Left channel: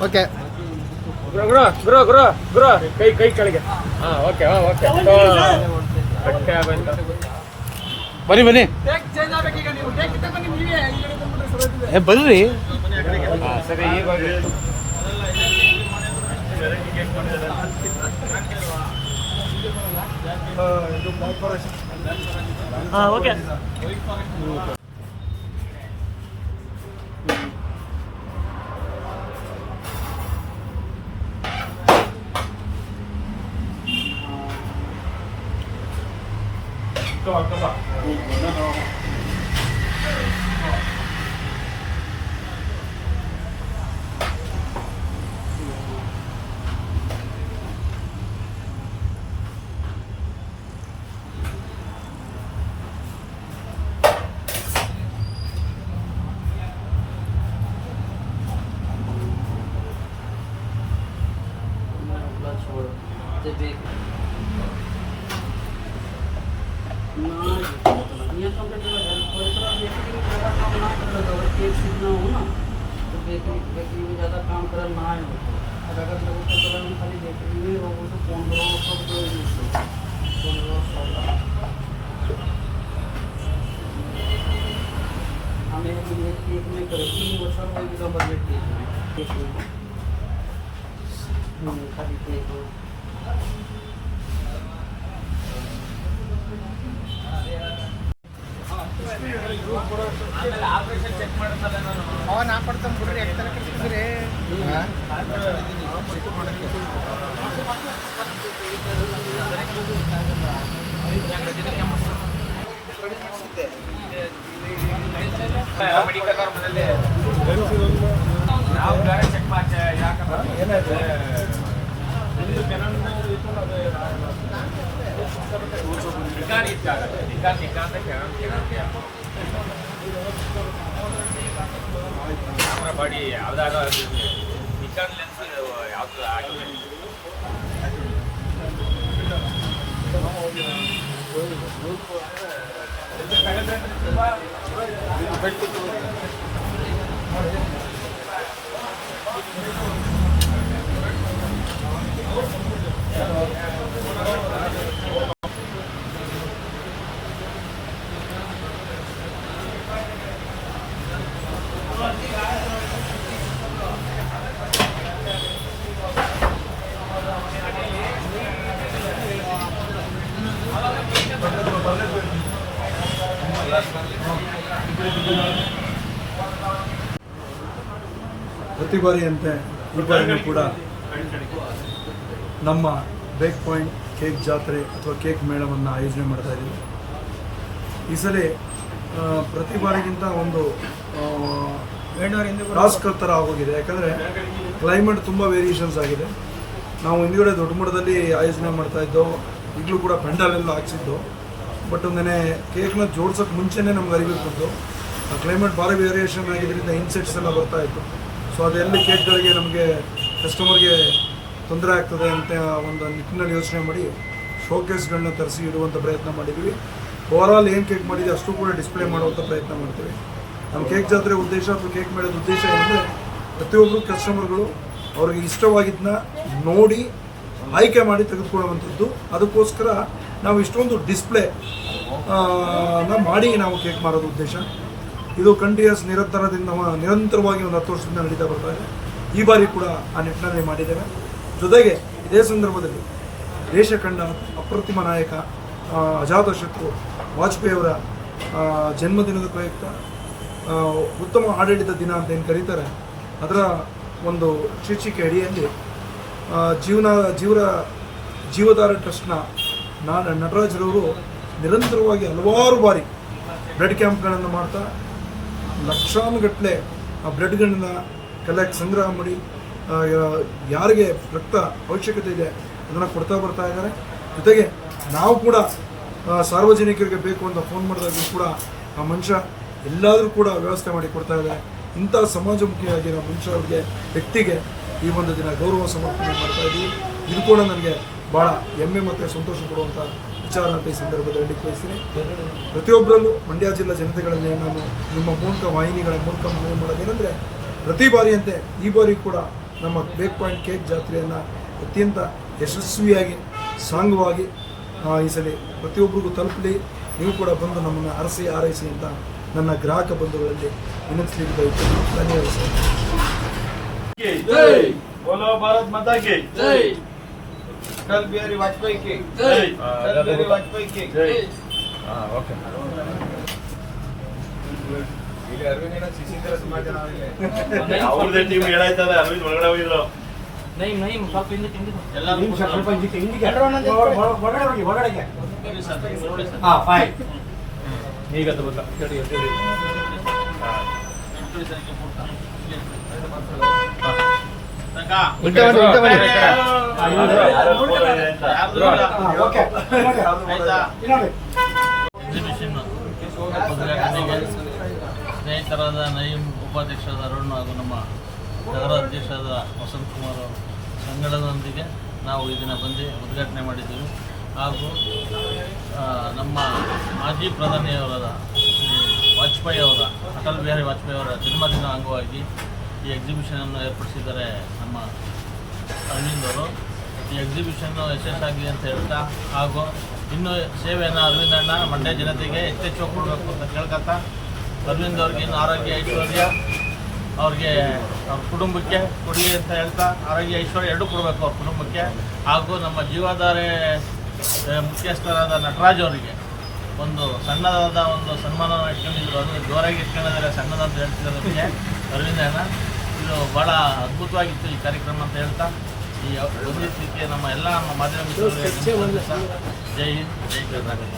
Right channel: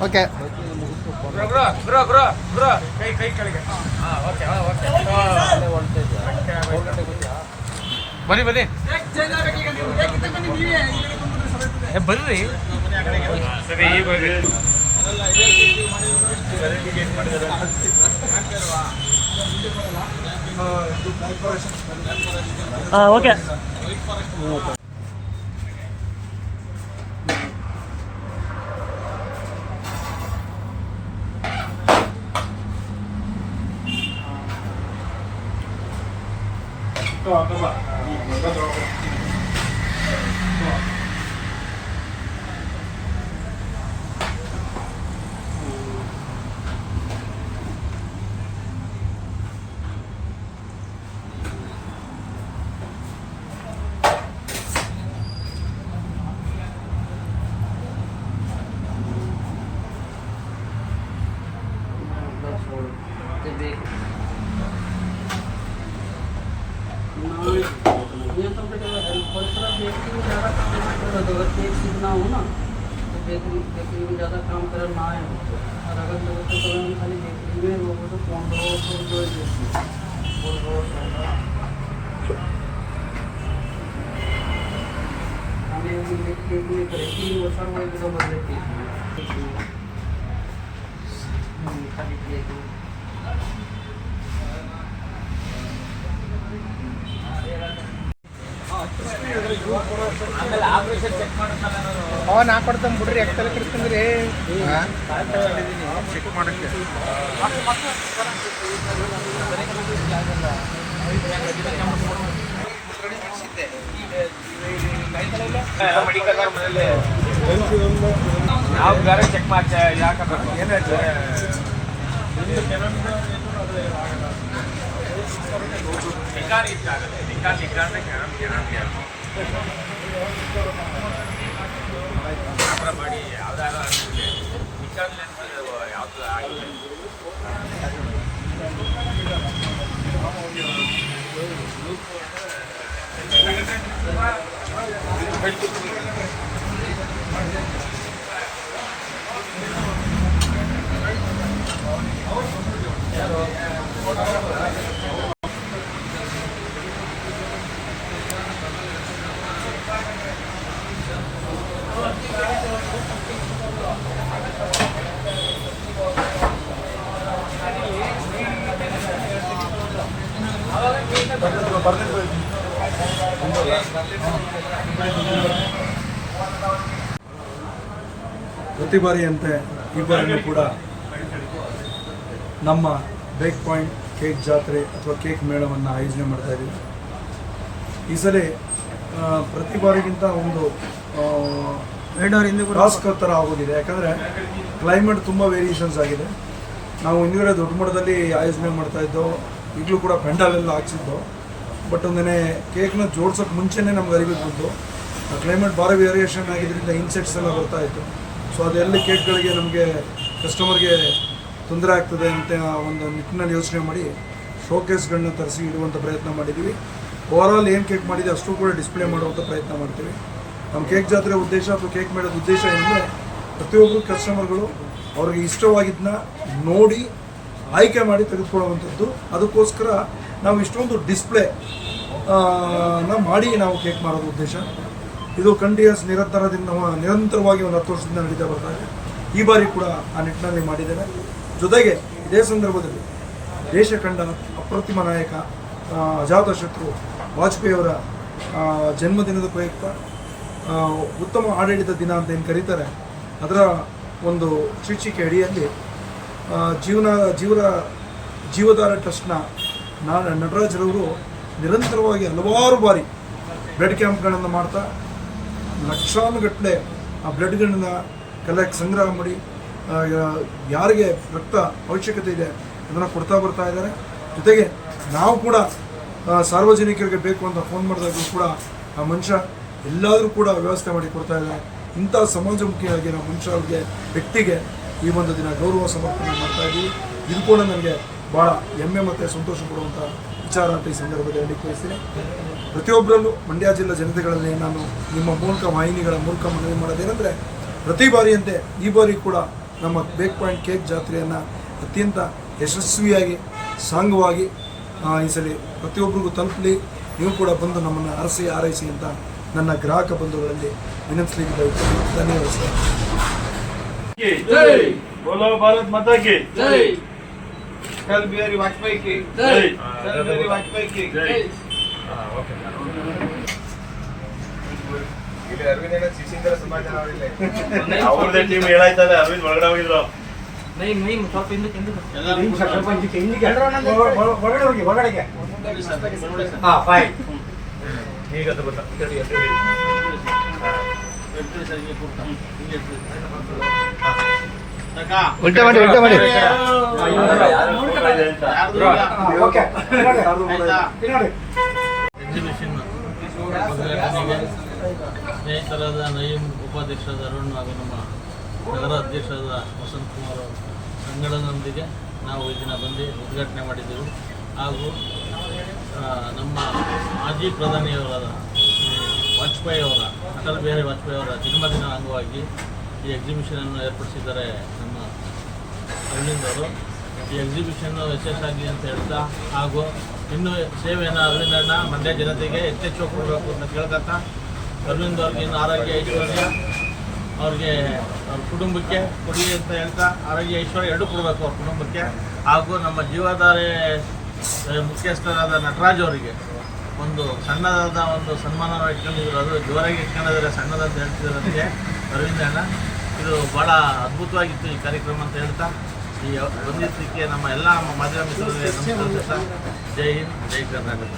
Okay ಗುರು ಗುರು ಗುರು ಗುರು ಗುರು. ಕೈ ಕೈ ಕೆಳಗೆ. ಹಾಂ ಓಕೆ ಹಾಂ ಓಕೆ ಅಟ್ಟೆ ಆಗೋಯ್ತು ಬನ್ನಿ ಬನ್ನಿ ಏ ಬನ್ರಿ ಸರಿ ಇವಾಗ ಹಾಂ ಓಕೆ ये तो बेटे कोई तरह बेकरी में ज़्यादा काम ना कर रहा केक सीखना हो ना तो बेकरी बेकरी में ज़्यादा काम कर ना है उनको और अगर मेरे को तो हम खाली बेकरी में वो तो पंद्रह सौ रुपये पंद्रह सोलह हमें केक में करे तीन वर्ष में भी बदले केक में खाली केक में ಚೆಕ್ ಮಾಡಕ್ಕೆ ನಾವು ಬೇರೆ ಚೆಕ್ ಮಾಡ್ತಾ ಯಾಕಂದ್ರೆ Nikon ಇದ್ದಾಗತ್ತೆ Nikon Nikon can can camera ಯಾವ್ದಾದ್ರು ಅದಕ್ಕೆ ನಿಕಾನ್ ಲೆನ್ಸ್ ಯಾವ್ದು ಆಗಿದೆ ಪ್ರತಿ ಬಾರಿಯಂತೆ ಈ ಬಾರಿನೂ ಕೂಡ ನಮ್ಮ ಬೇಕ್ ಪಾಯಿಂಟ್ ಕೇಕ್ ಜಾತ್ರೆ ಅಥವಾ ಕೇಕ್ ಮೇಳವನ್ನು ಆಯೋಜನೆ ಮಾಡ್ತಾ ಇದ್ದೀವಿ. ಈ ಸಲ ಪ್ರತಿ ಬಾರಿಗಿಂತ ಒಂದು ಟಾಸ್ಕ್ ಥರ ಆಗೋಗಿದೆ. ಯಾಕಂದರೆ ಕ್ಲೈಮೇಟ್ ತುಂಬ ವೇರಿಯೇಷನ್ಸ್ ಆಗಿದೆ. ನಾವು ಹಿಂದ್ಗಡೆ ದೊಡ್ಡ ಮಟ್ಟದಲ್ಲಿ ಆಯೋಜನೆ ಮಾಡ್ತಾ ಇದ್ದೋ, ಈಗಲೂ ಕೂಡ ಪೆಂಡಾಲೆಲ್ಲ ಹಾಕ್ಸಿದ್ದು ಬಟ್ ಒಂದೇ ಕೇಕ್ನ ಜೋಡ್ಸೋಕ್ಕೆ ಮುಂಚೆನೇ ನಮ್ಗೆ ಅರಿವಿಗೆ ಬಂತು. ಕ್ಲೈಮೇಟ್ ಭಾರಿ ವೇರಿಯೇಷನ್ ಆಗಿದ್ದರಿಂದ ಇನ್ಸೆಕ್ಟ್ಸ್ ಎಲ್ಲ ಬರ್ತಾ ಇತ್ತು. ಸೊ ಅದೆಲ್ಲ ಕೇಕ್ಗಳಿಗೆ ನಮಗೆ ಕಸ್ಟಮರ್ಗೆ ತೊಂದರೆ ಆಗ್ತದೆ ಅಂತ ಒಂದು ನಿಟ್ಟಿನಲ್ಲಿ ಯೋಚನೆ ಮಾಡಿ ಶೋಕೇಸ್ಗಳನ್ನ ತರಿಸಿ ಇಡುವಂಥ ಪ್ರಯತ್ನ ಮಾಡಿದ್ದೀವಿ ಓವರಾಲ್ ಏನು ಕೇಕ್ ಮಾಡಿದೆ ಅಷ್ಟು ಕೂಡ ಡಿಸ್ಪ್ಲೇ ಮಾಡುವಂಥ ಪ್ರಯತ್ನ ಮಾಡ್ತೀವಿ. ನಮ್ಮ ಕೇಕ್ ಜಾತ್ರೆ ಉದ್ದೇಶ ಅಥವಾ ಕೇಕ್ ಮಾಡೋದು ಉದ್ದೇಶ ಏನಂದರೆ ಪ್ರತಿಯೊಬ್ಬರು ಕಸ್ಟಮರ್ಗಳು ಅವ್ರಿಗೆ ಇಷ್ಟವಾಗಿದ್ದನ್ನ ನೋಡಿ ಆಯ್ಕೆ ಮಾಡಿ ತೆಗೆದುಕೊಳ್ಳುವಂಥದ್ದು. ಅದಕ್ಕೋಸ್ಕರ ನಾವು ಇಷ್ಟೊಂದು ಡಿಸ್ಪ್ಲೇ ನ ಮಾಡಿ ನಾವು ಕೇಕ್ ಮಾರೋದು ಉದ್ದೇಶ. ಇದು ಕಂಟಿನ್ಯೂಸ್ ನಿರಂತರದಿಂದ ನಿರಂತರವಾಗಿ ಒಂದು ಹತ್ತು ವರ್ಷದಿಂದ ನಡೀತಾ ಬರ್ತಾ ಇದೆ. ಈ ಬಾರಿ ಕೂಡ ಆ ನಿಟ್ಟಿನಲ್ಲಿ ಮಾಡಿದ್ದೇವೆ. ಜೊತೆಗೆ ಇದೇ ಸಂದರ್ಭದಲ್ಲಿ ದೇಶ ಕಂಡ ಅಪ್ರತಿಮ ನಾಯಕ ಅಜಾತ ಅಜಾತಶತ್ರು ವಾಜಪೇಯಿಯವರ ಜನ್ಮದಿನದ ಪ್ರಯುಕ್ತ ಉತ್ತಮ ಆಡಳಿತ ದಿನ ಅಂತ ಏನು ಕರೀತಾರೆ, ಅದರ ಒಂದು ಶೀರ್ಷಿಕೆ ಅಡಿಯಲ್ಲಿ ಜೀವನ, ಜೀವರ ಜೀವಧಾರ ಟ್ರಸ್ಟ್ನ ನಾ ನಟರಾಜರವರು ನಿರಂತರವಾಗಿ ಹಲವಾರು ಬಾರಿ ಬ್ಲಡ್ ಕ್ಯಾಂಪ್ಗಳನ್ನು ಮಾಡ್ತಾ, ಲಕ್ಷಾನುಗಟ್ಟಲೆ ಆ ಬ್ಲಡ್ಗಳನ್ನ ಕಲೆಕ್ಟ್ ಸಂಗ್ರಹ ಮಾಡಿ ಯಾರಿಗೆ ರಕ್ತ ಅವಶ್ಯಕತೆ ಇದೆ ಅದನ್ನು ಕೊಡ್ತಾ ಬರ್ತಾ ಇದ್ದಾರೆ. ಜೊತೆಗೆ ನಾವು ಕೂಡ ಸಾರ್ವಜನಿಕರಿಗೆ ಬೇಕು ಅಂತ ಫೋನ್ ಮಾಡಿದಾಗಲೂ ಕೂಡ ಆ ಮನುಷ್ಯ ಎಲ್ಲಾದರೂ ಕೂಡ ವ್ಯವಸ್ಥೆ ಮಾಡಿ ಕೊಡ್ತಾ ಇದೆ ಇಂಥ ಸಮಾಜಮುಖಿಯಾಗಿರೋ ಮನುಷ್ಯ ಅವ್ರಿಗೆ, ವ್ಯಕ್ತಿಗೆ ಈ ಒಂದು ದಿನ ಗೌರವ ಸಮರ್ಪಣೆ ಮಾಡ್ತಾ ಇದ್ದೀವಿ. ಇದು ಕೂಡ ನನಗೆ ಭಾಳ ಹೆಮ್ಮೆ ಮತ್ತು ಸಂತೋಷ ಕೊಡುವಂಥ ವಿಚಾರ ಅಂತ ಈ ಸಂದರ್ಭದಲ್ಲಿ ಹೇಳಲಿಕ್ಕೆ ಬಯಸ್ತೀನಿ. ಪ್ರತಿಯೊಬ್ಬರಲ್ಲೂ ಮಂಡ್ಯ ಜಿಲ್ಲಾ ಜನತೆಗಳಲ್ಲಿ ನಾನು ನಿಮ್ಮ ಮೂಲಕ ವಾಹಿನಿಗಳ ಮೂಲಕ ಮನವಿ ಮಾಡೋದೇನೆಂದರೆ ಪ್ರತಿ ಬಾರಿಯಂತೆ ಈ ಬಾರಿ ಕೂಡ ನಮ್ಮ ಬೇಕ್ ಪಾಯಿಂಟ್ ಕೇಕ್ ಜಾತ್ರೆಯನ್ನು ಅತ್ಯಂತ ಯಶಸ್ವಿಯಾಗಿ, ಸಾಂಗವಾಗಿ ಈ ಸಲ ಪ್ರತಿಯೊಬ್ಬರಿಗೂ ತಲುಪಲಿ. ನೀವು ಕೂಡ ಬಂದು ನಮ್ಮನ್ನು ಅರಸಿ, ಆರೈಸಿ ಅಂತ ನನ್ನ ಗ್ರಾಹಕ ಬಂಧುಗಳಲ್ಲಿ ವಿನಂತಿಸಲಿಕ್ಕೆ ಬಯಸ್ತೀನಿ. ಧನ್ಯವಾದ ಸರ್ ಜೈ बोलो भारत माता की ಜೈ अटल बिहारी वाजपेयी की जय। अटल बिहारी वाजपेयी की ಇಲ್ಲಿ ಅರವಿಂದ್ ಅಣ್ಣ ಶಿಶೀಂದ್ರ ಸಮಾಜ ನಾವಿಲ್ಲ ಅವ್ರದೇ ಟೀಮ್ ಹೇಳಾಯ್ತಲ್ಲ ಅರವಿಂದ್ ಒಳಗಡೆ ಹೋಗಿದ್ರು ನೈ ನೈ ಸ್ವಲ್ಪ ಹಿಂದಕ್ಕೆ ಹಿಂದಕ್ಕೆ ಉಲ್ಟಾ ಮಾಡಿ ಉಲ್ಟಾ ಮಾಡಿ. ಎಕ್ಸಿಬಿಷನ್ ಉದ್ಘಾಟನೆಗೆ ಸ್ನೇಹಿತರಾದ ನಯೀಂ ಉಪಾಧ್ಯಕ್ಷರಾದ ಅರುಣ್ ಹಾಗೂ ನಮ್ಮ ನಗರ ಅಧ್ಯಕ್ಷರಾದ ವಸಂತ್ ಕುಮಾರ್ ಅವರು ಸಂಘಟನೆಯೊಂದಿಗೆ ನಾವು ಈ ದಿನ ಬಂದು ಉದ್ಘಾಟನೆ ಮಾಡಿದ್ದೆವು. ಹಾಗೂ ನಮ್ಮ ಮಾಜಿ ಪ್ರಧಾನಿಯವರಾದ ವಾಜಪೇಯಿ ಅವರ ಅಟಲ್ ಬಿಹಾರಿ ವಾಜಪೇಯಿ ಅವರ ಜನ್ಮದಿನ ಅಂಗವಾಗಿ ಈ ಎಕ್ಸಿಬಿಷನನ್ನು ಏರ್ಪಡಿಸಿದ್ದಾರೆ ನಮ್ಮ ಅರವಿಂದ್ ಅವರು. ಈ ಎಕ್ಸಿಬಿಷನ್ ಯಶಸ್ಸಾಗಲಿ ಅಂತ ಹೇಳ್ತಾ, ಹಾಗೂ ಇನ್ನೂ ಸೇವೆಯನ್ನು ಅರವಿಂದಣ್ಣ ಮಂಡ್ಯ ಜನತೆಗೆ ಹೆಚ್ಚೆಚ್ಚು ಕೊಡಬೇಕು ಅಂತ ಕೇಳ್ಕೊತಾ ಅರವಿಂದ್ ಅವ್ರಿಗೆ ಇನ್ನು ಆರೋಗ್ಯ ಐಶ್ವರ್ಯ, ಅವ್ರಿಗೆ ಅವ್ರ ಕುಟುಂಬಕ್ಕೆ ಕೊಡಿ ಅಂತ ಹೇಳ್ತಾ, ಆರೋಗ್ಯ ಐಶ್ವರ್ಯ ಎರಡೂ ಕೊಡಬೇಕು ಅವ್ರ ಕುಟುಂಬಕ್ಕೆ, ಹಾಗೂ ನಮ್ಮ ಜೀವಾಧಾರೆ, ಮುಖ್ಯಸ್ಥರಾದ ನಟರಾಜ್ ಅವರಿಗೆ. ಒಂದು ಸಣ್ಣದಾದ ಒಂದು ಸನ್ಮಾನ ಇಟ್ಕೊಂಡಿದ್ರು. ಅದು ಜೋರಾಗಿ ಇಟ್ಕೊಂಡಿದ್ದಾರೆ. ನನಗೆ ಅರವಿಂದ ಅಣ್ಣ ಇದು ಭಾಳ ಅದ್ಭುತವಾಗಿತ್ತು ಈ ಕಾರ್ಯಕ್ರಮ ಅಂತ ಹೇಳ್ತಾ. ಈ ಬಂದಿದ್ದಕ್ಕೆ ನಮ್ಮ ಎಲ್ಲ ಮಾಧ್ಯಮ ಮಿತ್ರರಿಗೆ ನಮಸ್ಕಾರ ಜೈ ಹಿಂದ್, ಜೈ ಕರ್ನಾಟಕ.